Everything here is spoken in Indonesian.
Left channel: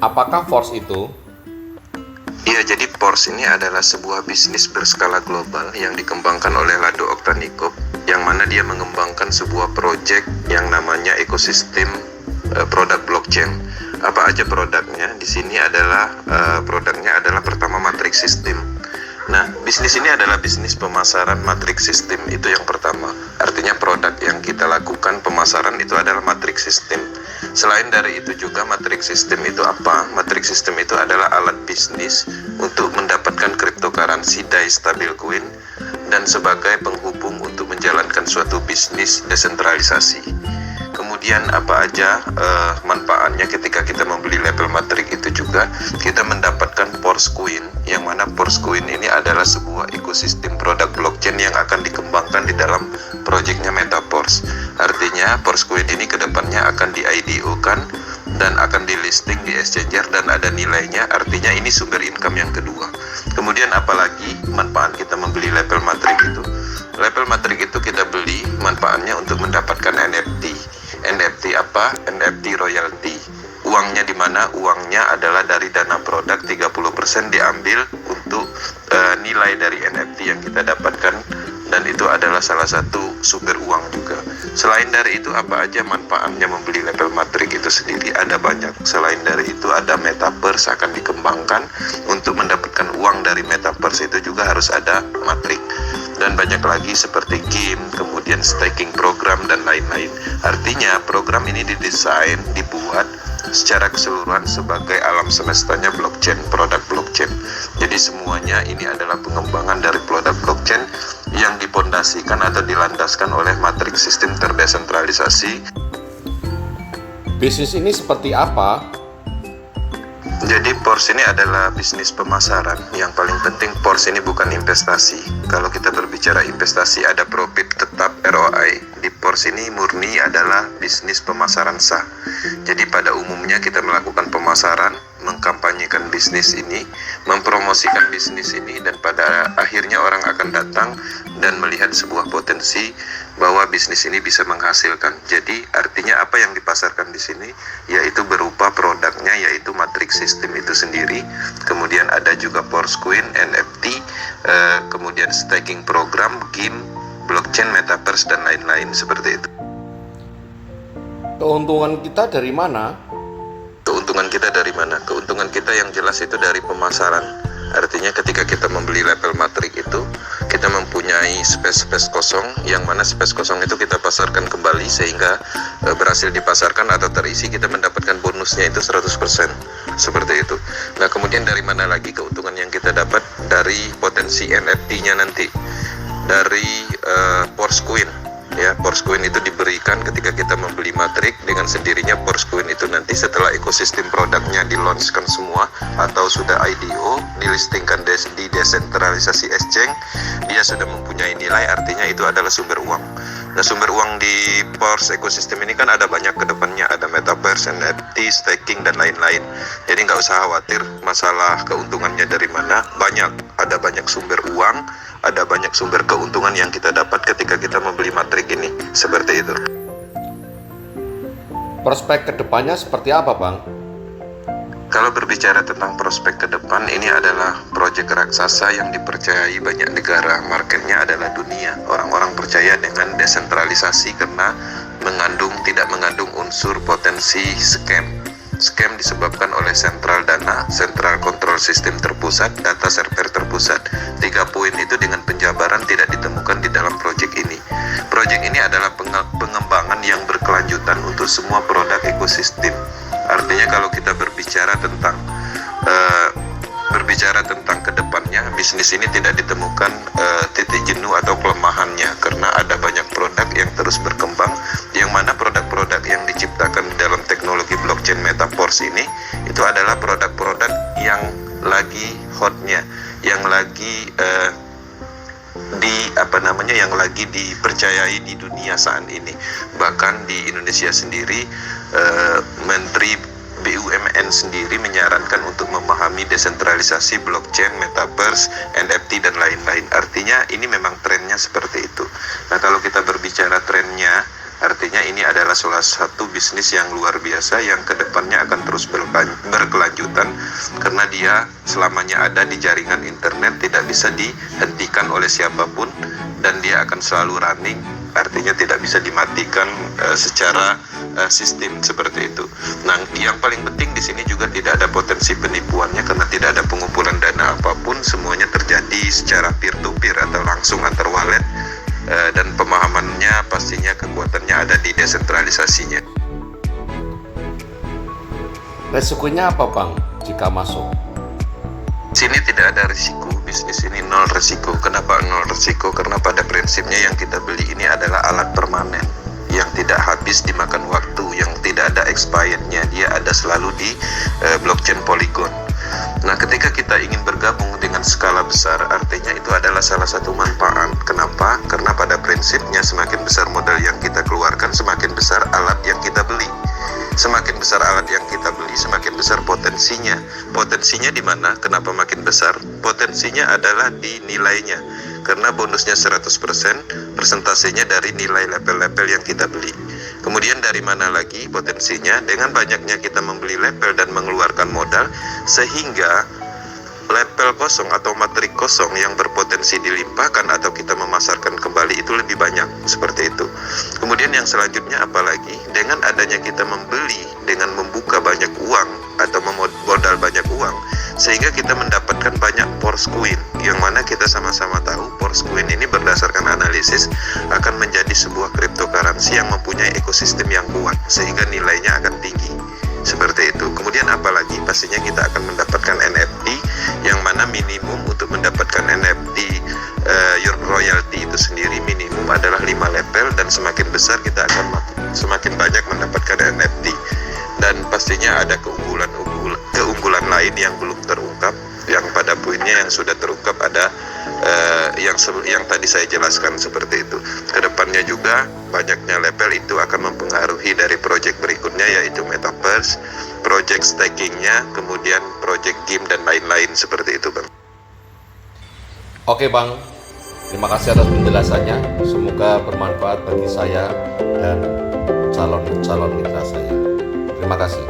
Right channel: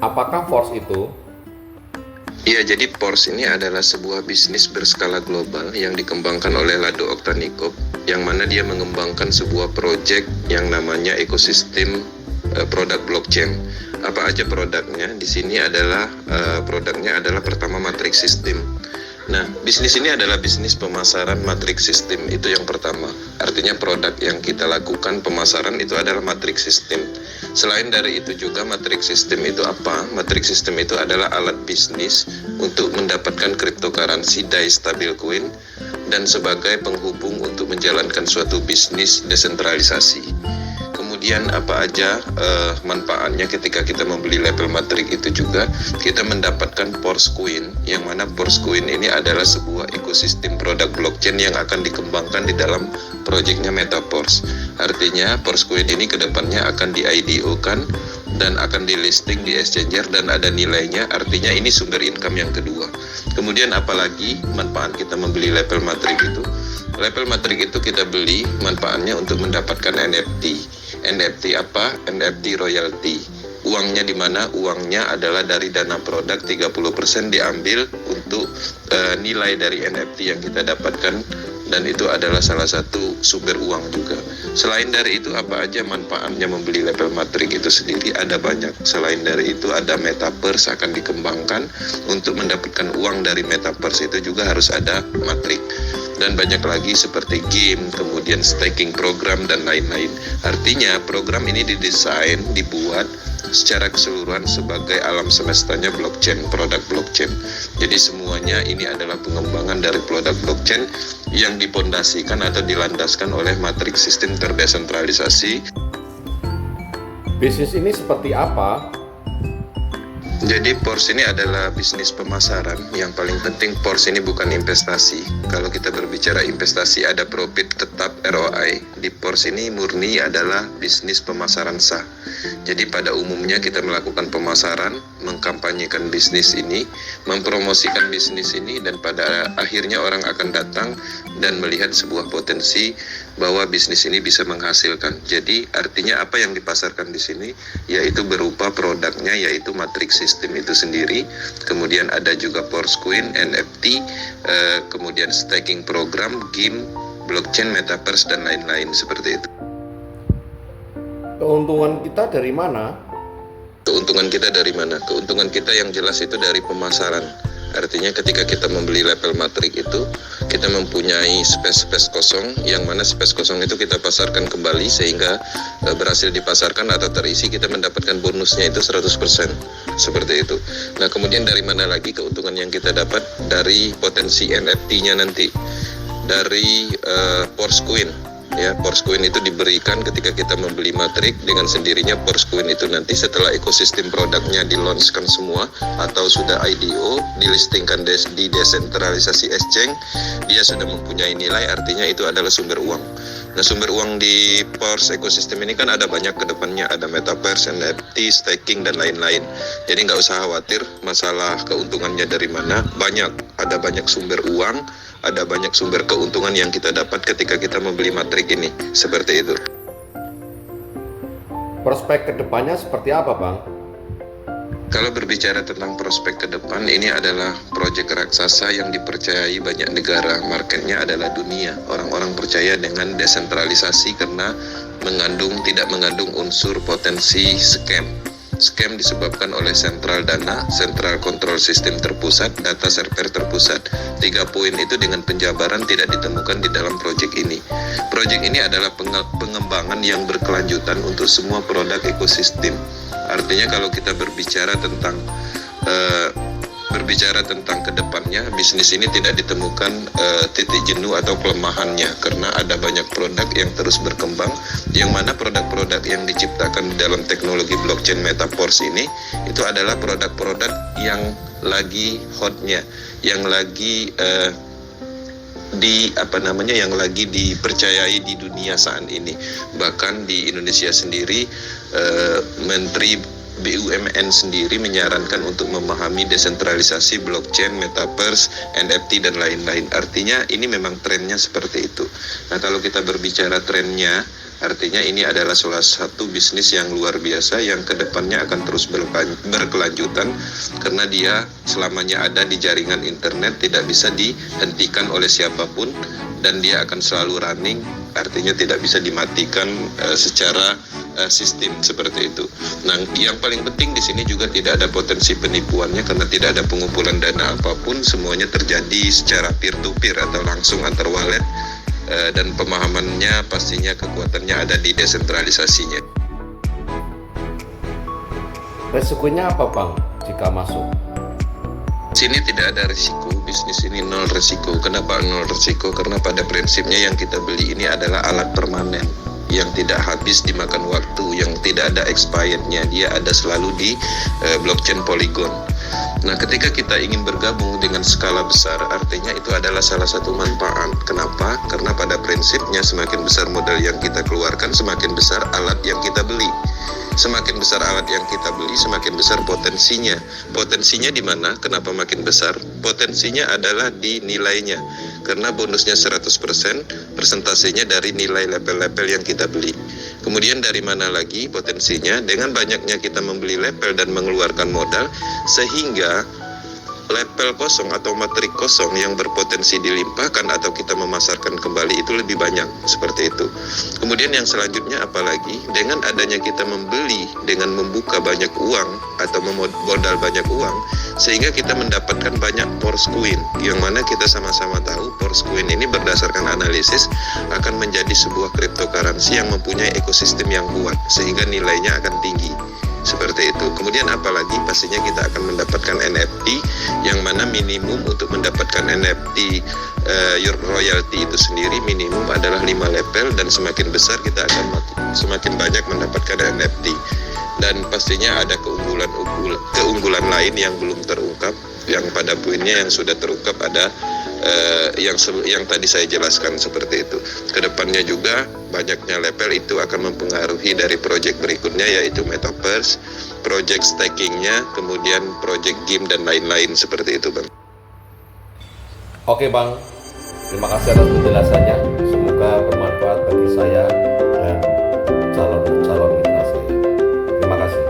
Apakah Force itu? Iya, jadi Porsche ini adalah sebuah bisnis berskala global yang dikembangkan oleh Lado Oktanikov, yang mana dia mengembangkan sebuah proyek yang namanya ekosistem produk blockchain. Apa aja produknya? Di sini adalah produknya adalah pertama matrix system. Nah, bisnis ini adalah bisnis pemasaran matrix system, itu yang pertama. Artinya produk yang kita lakukan pemasaran itu adalah matrix system. Selain dari itu juga matrix system itu apa? Matrix system itu adalah alat bisnis untuk mendapatkan cryptocurrency DAI stablecoin dan sebagai penghubung untuk menjalankan suatu bisnis desentralisasi. Kemudian apa aja manfaatnya ketika kita membeli label matrix itu juga kita mendapatkan Porsche Coin, yang mana Porsche Coin ini adalah sebuah ekosistem produk blockchain yang akan dikembangkan di dalam proyeknya Metaverse. Artinya Porsche Coin ini kedepannya akan di IDO-kan dan akan di listing di exchanger dan ada nilainya, artinya ini sumber income yang kedua. Kemudian apalagi manfaat kita membeli label matrix itu? Label matrix itu kita beli manfaatnya untuk mendapatkan NFT. NFT apa? NFT royalty. Uangnya di mana? Uangnya adalah dari dana produk, 30% diambil untuk nilai dari NFT yang kita dapatkan, dan itu adalah salah satu sumber uang juga. Selain dari itu apa aja manfaatnya membeli label matrix itu sendiri? Ada banyak. Selain dari itu ada metaverse akan dikembangkan. Untuk mendapatkan uang dari metaverse itu juga harus ada matrix. Dan banyak lagi seperti game, kemudian staking program dan lain-lain. Artinya program ini didesain, dibuat secara keseluruhan sebagai alam semestanya blockchain, produk blockchain. Jadi semuanya ini adalah pengembangan dari produk blockchain yang dipondasikan atau dilandaskan oleh matrix sistem terdesentralisasi. Bisnis ini seperti apa? Jadi Porsche ini adalah bisnis pemasaran. Yang paling penting Porsche ini bukan investasi. Kalau kita berbicara investasi ada profit tetap ROI. Di Porsche ini murni adalah bisnis pemasaran sah. Jadi pada umumnya kita melakukan pemasaran, mengkampanyekan bisnis ini, mempromosikan bisnis ini, dan pada akhirnya orang akan datang dan melihat sebuah potensi bahwa bisnis ini bisa menghasilkan. Jadi artinya apa yang dipasarkan di sini yaitu berupa produknya, yaitu matrix system itu sendiri. Kemudian ada juga Porsche Coin, NFT, kemudian staking program, game, blockchain, metaverse dan lain-lain seperti itu. Keuntungan kita dari mana? Keuntungan kita dari mana? Keuntungan kita yang jelas itu dari pemasaran. Artinya ketika kita membeli label matrix itu, kita mempunyai space kosong, yang mana space kosong itu kita pasarkan kembali sehingga berhasil dipasarkan atau terisi, kita mendapatkan bonusnya itu 100%. Seperti itu. Nah, kemudian dari mana lagi keuntungan yang kita dapat? Dari potensi NFT-nya nanti. Dari Porsche Coin. Ya, Porsche Coin itu diberikan ketika kita membeli matrix, dengan sendirinya Porsche Coin itu nanti setelah ekosistem produknya di-launchkan semua atau sudah IDO, dilistingkan di desentralisasi exchange, dia sudah mempunyai nilai, artinya itu adalah sumber uang. Nah, sumber uang di Porsche ekosistem ini kan ada banyak ke depannya, ada metaverse, NFT, staking dan lain-lain. Jadi nggak usah khawatir masalah keuntungannya dari mana, ada banyak sumber uang, ada banyak sumber keuntungan yang kita dapat ketika kita membeli matrix ini. Seperti itu. Prospek kedepannya seperti apa, Bang? Kalau berbicara tentang prospek ke depan, ini adalah proyek raksasa yang dipercayai banyak negara. Marketnya adalah dunia. Orang-orang percaya dengan desentralisasi karena tidak mengandung unsur potensi scam. Scam disebabkan oleh sentral dana, central control system terpusat, data server terpusat. 3 poin itu dengan penjabaran tidak ditemukan di dalam proyek ini. Proyek ini adalah pengembangan yang berkelanjutan untuk semua produk ekosistem. Artinya kalau kita berbicara tentang kedepannya, bisnis ini tidak ditemukan titik jenuh atau kelemahannya, karena ada banyak produk yang terus berkembang, yang mana produk-produk yang diciptakan dalam teknologi blockchain metaverse ini itu adalah produk-produk yang lagi hotnya, yang lagi yang lagi dipercayai di dunia saat ini. Bahkan di Indonesia sendiri, Menteri BUMN sendiri menyarankan untuk memahami desentralisasi blockchain, metaverse, NFT dan lain-lain. Artinya ini memang trennya seperti itu. Nah, kalau kita berbicara trennya, artinya ini adalah salah satu bisnis yang luar biasa yang kedepannya akan terus berkelanjutan karena dia selamanya ada di jaringan internet, tidak bisa dihentikan oleh siapapun dan dia akan selalu running, artinya tidak bisa dimatikan secara sistem seperti itu. Nah, yang paling penting di sini juga tidak ada potensi penipuannya karena tidak ada pengumpulan dana apapun, semuanya terjadi secara peer-to-peer atau langsung antar wallet. Dan pemahamannya pastinya kekuatannya ada di desentralisasinya. Resikonya apa Bang jika masuk? Sini tidak ada risiko, bisnis ini nol risiko. Kenapa nol risiko? Karena pada prinsipnya yang kita beli ini adalah alat permanen yang tidak habis dimakan waktu, yang tidak ada expirednya, dia ada selalu di blockchain Polygon. Nah, ketika kita ingin bergabung dengan skala besar, artinya itu adalah salah satu manfaat. Kenapa? Karena pada prinsipnya semakin besar modal yang kita keluarkan, semakin besar alat yang kita beli. Semakin besar alat yang kita beli, semakin besar potensinya. Potensinya di mana? Kenapa makin besar? Potensinya adalah di nilainya. Karena bonusnya 100%, persentasenya dari nilai level-level yang kita beli. Kemudian dari mana lagi potensinya? Dengan banyaknya kita membeli level dan mengeluarkan modal, sehingga level kosong atau matrik kosong yang berpotensi dilimpahkan atau kita memasarkan kembali itu lebih banyak, seperti itu. Kemudian yang selanjutnya apalagi, dengan adanya kita membeli dengan membuka banyak uang atau memodal banyak uang, sehingga kita mendapatkan banyak Force Coin, yang mana kita sama-sama tahu Force Coin ini berdasarkan analisis akan menjadi sebuah cryptocurrency yang mempunyai ekosistem yang kuat, sehingga nilainya akan tinggi. Seperti itu. Kemudian apalagi pastinya kita akan mendapatkan NFT yang mana minimum untuk mendapatkan NFT your royalty itu sendiri minimum adalah 5 level dan semakin besar kita akan semakin banyak mendapatkan NFT. Dan pastinya ada keunggulan lain yang belum terungkap, yang pada poinnya yang sudah terungkap ada yang tadi saya jelaskan seperti itu. Kedepannya juga banyaknya level itu akan mempengaruhi dari project berikutnya, yaitu metaverse, project stakingnya, kemudian project game dan lain-lain seperti itu, Bang. Oke Bang, terima kasih atas penjelasannya. Semoga bermanfaat bagi saya dan calon mitra saya. Terima kasih.